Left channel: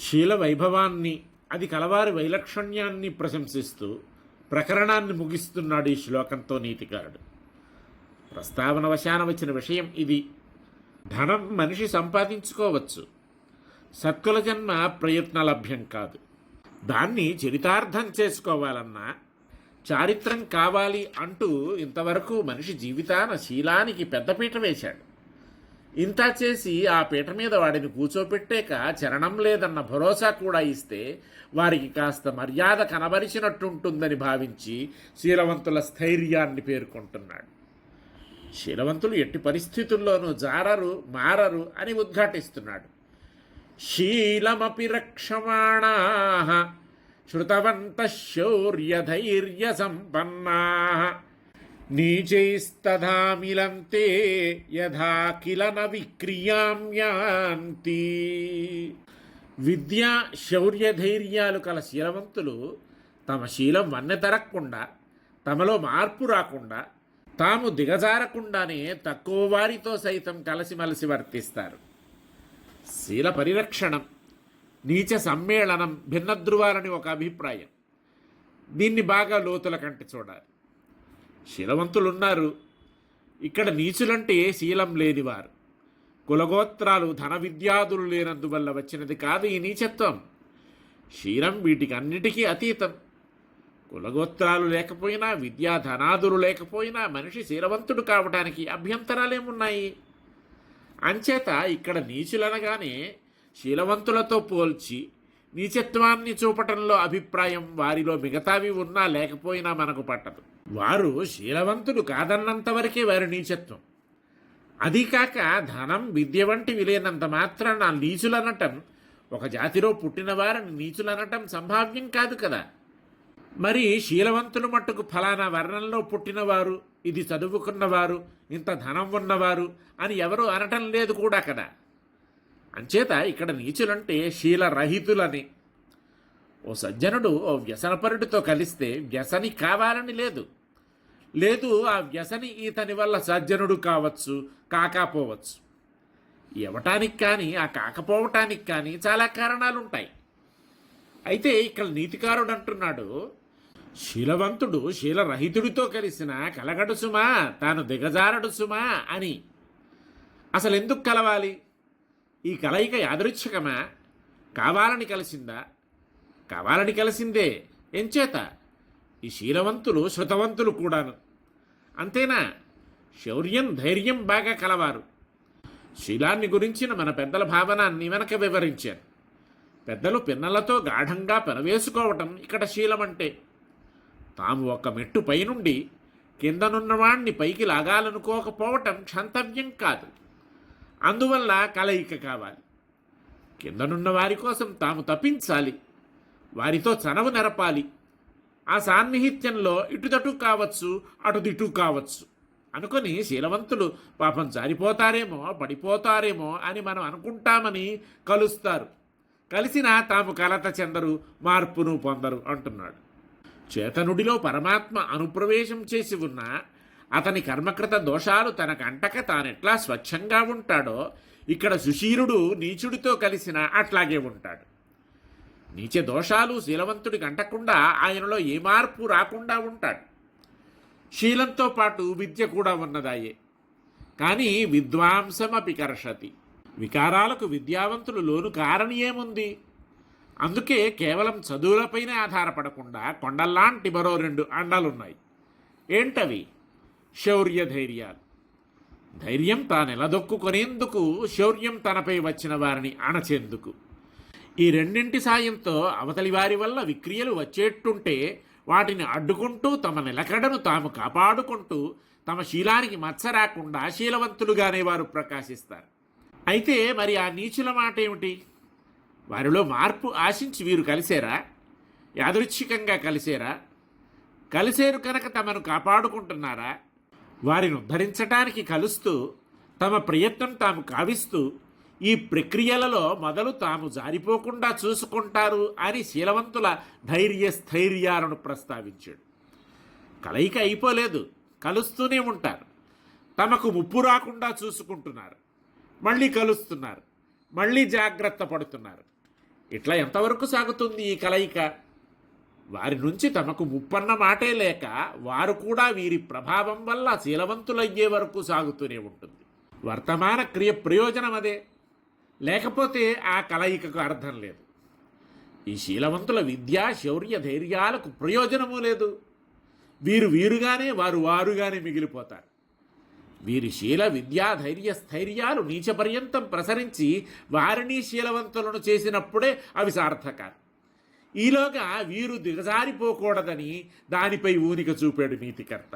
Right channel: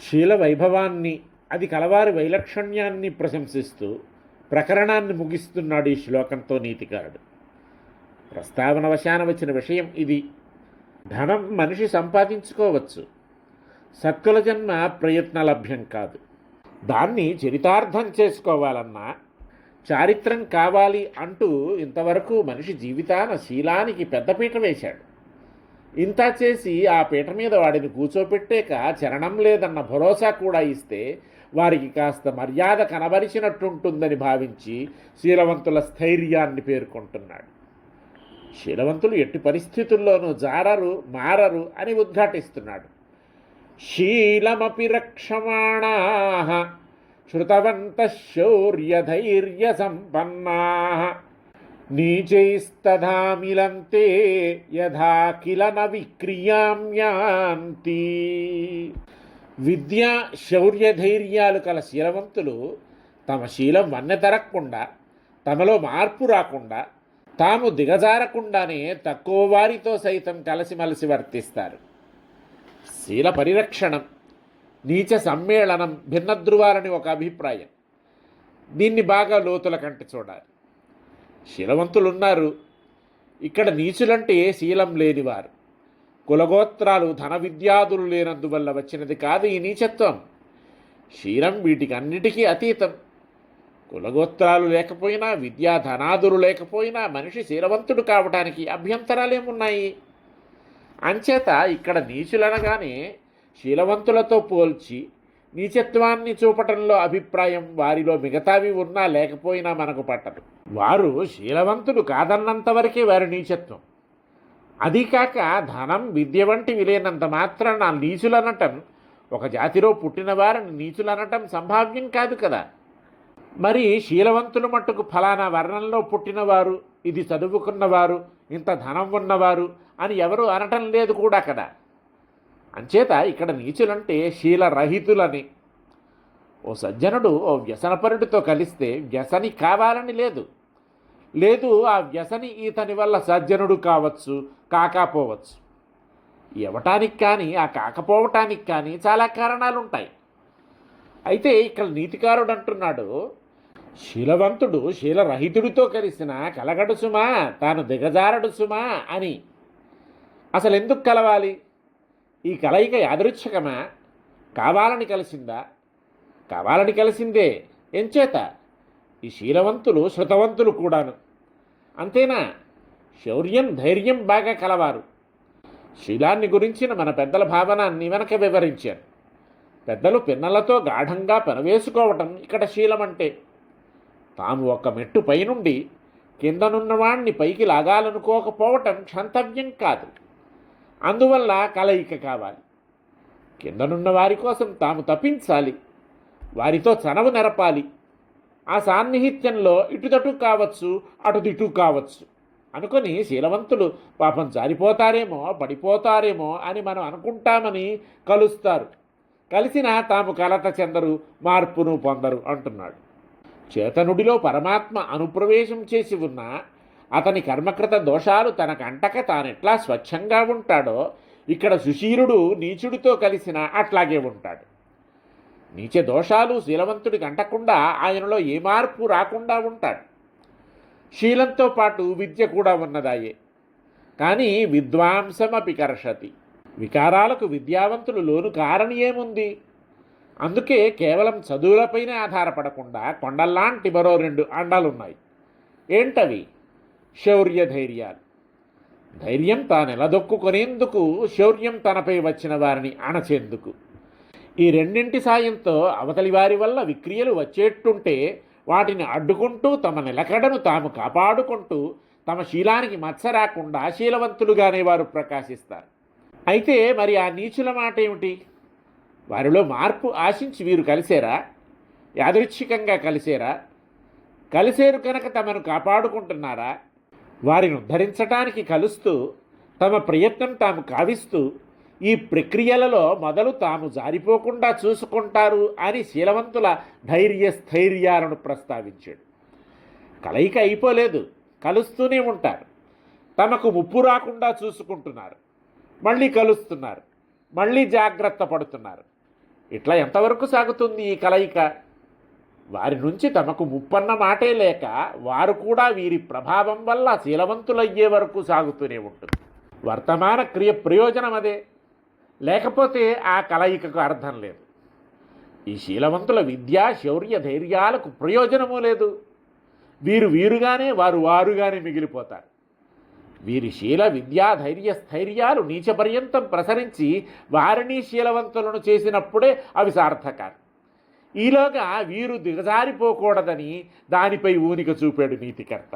శీల వైభవాన్ని అది కలవారి వైలక్షణ్యాన్ని ప్రశంసిస్తూ ప్రకరణాన్ని ముగిస్తున్నాడు ఈ శ్లోకంతో నీతికారుడు. ప్రస్తావన వశాన వచ్చిన విషయం ఇది. ధనం మనిషి సంపాదించుకోవచ్చు. సత్కుల జన్మ ప్రయత్న లభ్యం కాదు. దాన్ని చరితార్థం చేసుకోవాలన్నా చారిత్రం కావాలి అంటూ ఇంతవరకు మనిషి జీవితాన శీలానికి పెద్దపీట వేశాడు. ఇంత చేసి ఆ పీట మీద వాడిని కూర్చోపెట్టాక చరణం లేదన్న భరోసా కూడా ఇస్తే వారికి కాస్త మర్యాద కనబరిచినట్టుంటుందని భావించి శీలవంతుల స్థైర్యాన్ని పేర్కొంటున్నాడు. శీలవంతులు ఎట్టి పరిస్థితుల్లోనూ జారరు మారరు అని ఉద్ఘాటిస్తున్నాడు. శీలమపి రక్షమాణా శృతవంత శౌర్యధైర్య సంపన్నా నీచైస్తధామిలంతే యథా కిల న విక్రియామ్యాంతి విద్య శౌర్యధైర్యాలు కల శీలవంతులు తమ శీలం వన్నెతరక్కుండా తమలో మార్పు రాకుండా తాము దిగజారకుండానే తక్కువ వారితో సైతం కలిసిమలిసి వర్తిస్తారు. శీల పరిరక్షణం నీచ సమ్మేళనం భిన్నధ్రువాలని ఒక అభిప్రాయం. దీన్ని బాగా లోతుల కంటే చూడాలి. శీలవంతులున్నారు ఇక్కడ నీచులంటే శీలం లేనివారు. కులగోత్రాలు ధన విద్యాదులు లేనందువల్ల వచ్చినది కాదు ఈ నీచత్వం. శీలం వీటికి అన్నిటికీ అతీతం. కులగోత్రాలు లేకపోయినా విద్యా ధనాదులు లేకపోయినా మనిషి శీలవంతుడు కావడానికి అభ్యంతరాలేమున్నాయి? అంచేత ఇక్కడ నీచులనగానే శీలవంతులతో పోల్చి నీచత్వాన్ని చూపటంలో అభిప్రాయం వారిలో మిగతావి ఉన్నా లేకపోయినా మనకు పట్టదు. వారు శీలవంతులు కాదన్నంత వరకే వారి నీచత్వం. అది కాక ధనం విద్య వంటివి లేనంత మాత్రాన నీచులనటం ఒక జాతిలో పుట్టిన వారిని నీచులనటం సంభావ్యం కాదు కదా. మరి శీలవంతులు మట్టుకు ఫలానా వర్ణంలో పుట్టినవారు ఇది చదువుకున్నవారు ఇంత ధనం ఉన్నవారు అని ఎవరు అనటం లేదు కూడా కదా. అంచేత ఇక్కడ నీచులంటే శీలరహితులని. ఓ సజ్జనుడు ఓ వ్యసనపరుడితో కలిస్తే వ్యసని కావాలని లేదు. లేదు ఆ వ్యసని ఇతని వల్ల సజ్జనుడు కావచ్చు కాకపోవచ్చు. ఇవ్వటానికి కానీ ఆ కాకపోవటానికి కానీ చాలా కారణాలు ఉంటాయి అయితే ఇక్కడ నీతికారుడు అంటున్నాడు శీలవంతుడు శీలరహితుడితో కలిసిన కలగడు సుమా తాను దిగజారడు సుమా అని. అసలు ఎందుకు కలవాలి? ఈ కలయిక యాదృచ్ఛకమా? కావాలని కలిసిందా? కావాలని కలిసిందే. ఎంచేత ఈ శీలవంతులు శృతవంతులు కూడాను. అంతేనా? శౌర్యం ధైర్యం బాగా కలవారు. శీలాన్ని గురించిన మన పెద్దల భావనాన్ని వెనక వివరించారు. పెద్దలు పిన్నలతో గాఢంగా పెనవేసుకోవటం ఇక్కడ శీలమంటే. తాము ఒక మెట్టు పైనుండి కిందనున్నవాణ్ణి పైకి లాగాలనుకోకపోవటం క్షంతవ్యం కాదు. అందువల్ల కలయిక కావాలి. కిందనున్న వారి కోసం తాము తప్పించాలి వారితో చనవు నెరపాలి. ఆ సాన్నిహిత్యంలో ఇటుదటు కావచ్చు అటుదిటు కావచ్చు. అనుకొని శీలవంతులు పాపం జారిపోతారేమో పడిపోతారేమో అని మనం అనుకుంటామని కలుస్తారు. కలిసిన తాము కలత చెందరు మార్పును పొందరు అంటున్నాడు. చేతనుడిలో పరమాత్మ అనుప్రవేశం చేసి ఉన్న అతని కర్మకృత దోషాలు తనకు అంటక తానెట్లా స్వచ్ఛంగా ఉంటాడో ఇక్కడ సుశీరుడు నీచుడితో కలిసిన అట్లాగే ఉంటాడు. నీచ దోషాలు శీలవంతుడికి అంటకుండా ఆయనలో ఏ మార్పు రాకుండా ఉంటాడు. శీలంతో పాటు విద్య కూడా ఉన్నదాయే. కానీ విద్వాంసమపి కర్షతి. వికారాలకు విద్యావంతులు లోను కారని ఏముంది అందుకే కేవలం చదువులపైనే ఆధారపడకుండా కొండల్లాంటి మరో రెండు అండాలున్నాయి. ఏంటవి? శౌర్య ధైర్యాలు. ధైర్యం తాను నిలదొక్కుకొనేందుకు శౌర్యం తనపై వచ్చిన వారిని అణచేందుకు. ఈ రెండింటి సాయంతో అవతలి వారి వల్ల విక్రియలు వచ్చేట్టుంటే వాటిని అడ్డుకుంటూ తమ నిలకడను తాము కాపాడుకుంటూ తమ శీలానికి మచ్చ రాకుండా శీలవంతులుగానే వారు ప్రకాశిస్తారు. అయితే మరి ఆ నీచుల మాట ఏమిటి? వారిలో మార్పు ఆశించి వీరు కలిసేరా యాదృచ్ఛికంగా కలిసేరా కలిసేరు కనుక తమను కాపాడుకుంటున్నారా? వారిని ఉద్ధరించటానికి కలుస్తూ తమ ప్రయత్నం తాము కావిస్తూ ఈ ప్రక్రియలలో మొదలు తాము జారిపోకుండా చూసుకుంటారు అని శీలవంతుల ధైర్య స్థైర్యాలను ప్రస్తావించాడు. కలయిక అయిపోలేదు. కలుస్తూనే ఉంటారు. తమకు ముప్పు రాకుండా చూసుకుంటున్నారు. మళ్ళీ కలుస్తున్నారు. మళ్ళీ జాగ్రత్త పడుతున్నారు. ఇట్లా ఎంతవరకు సాగుతుంది ఈ కలయిక? వారి నుంచి తమకు ముప్పన్న మాటే లేక వారు కూడా వీరి ప్రభావం వల్ల శీలవంతులయ్యే వరకు సాగుతూనే ఉంటుంది. వర్తమాన క్రియ ప్రయోజనం అదే. లేకపోతే ఆ కలయికకు అర్థం లేదు. ఈ శీలవంతుల విద్యా శౌర్య ధైర్యాలకు ప్రయోజనము లేదు. వీరు వీరుగానే వారు వారుగానే మిగిలిపోతారు. వీరి శీల విద్యా ధైర్య స్థైర్యాలు నీచపర్యంతం ప్రసరించి వారిని శీలవంతులను చేసినప్పుడే అవి సార్థకాలు. ఈలోగా వీరు దిగజారిపోకూడదని దానిపై ఊనిక చూపాడు నీతికర్త.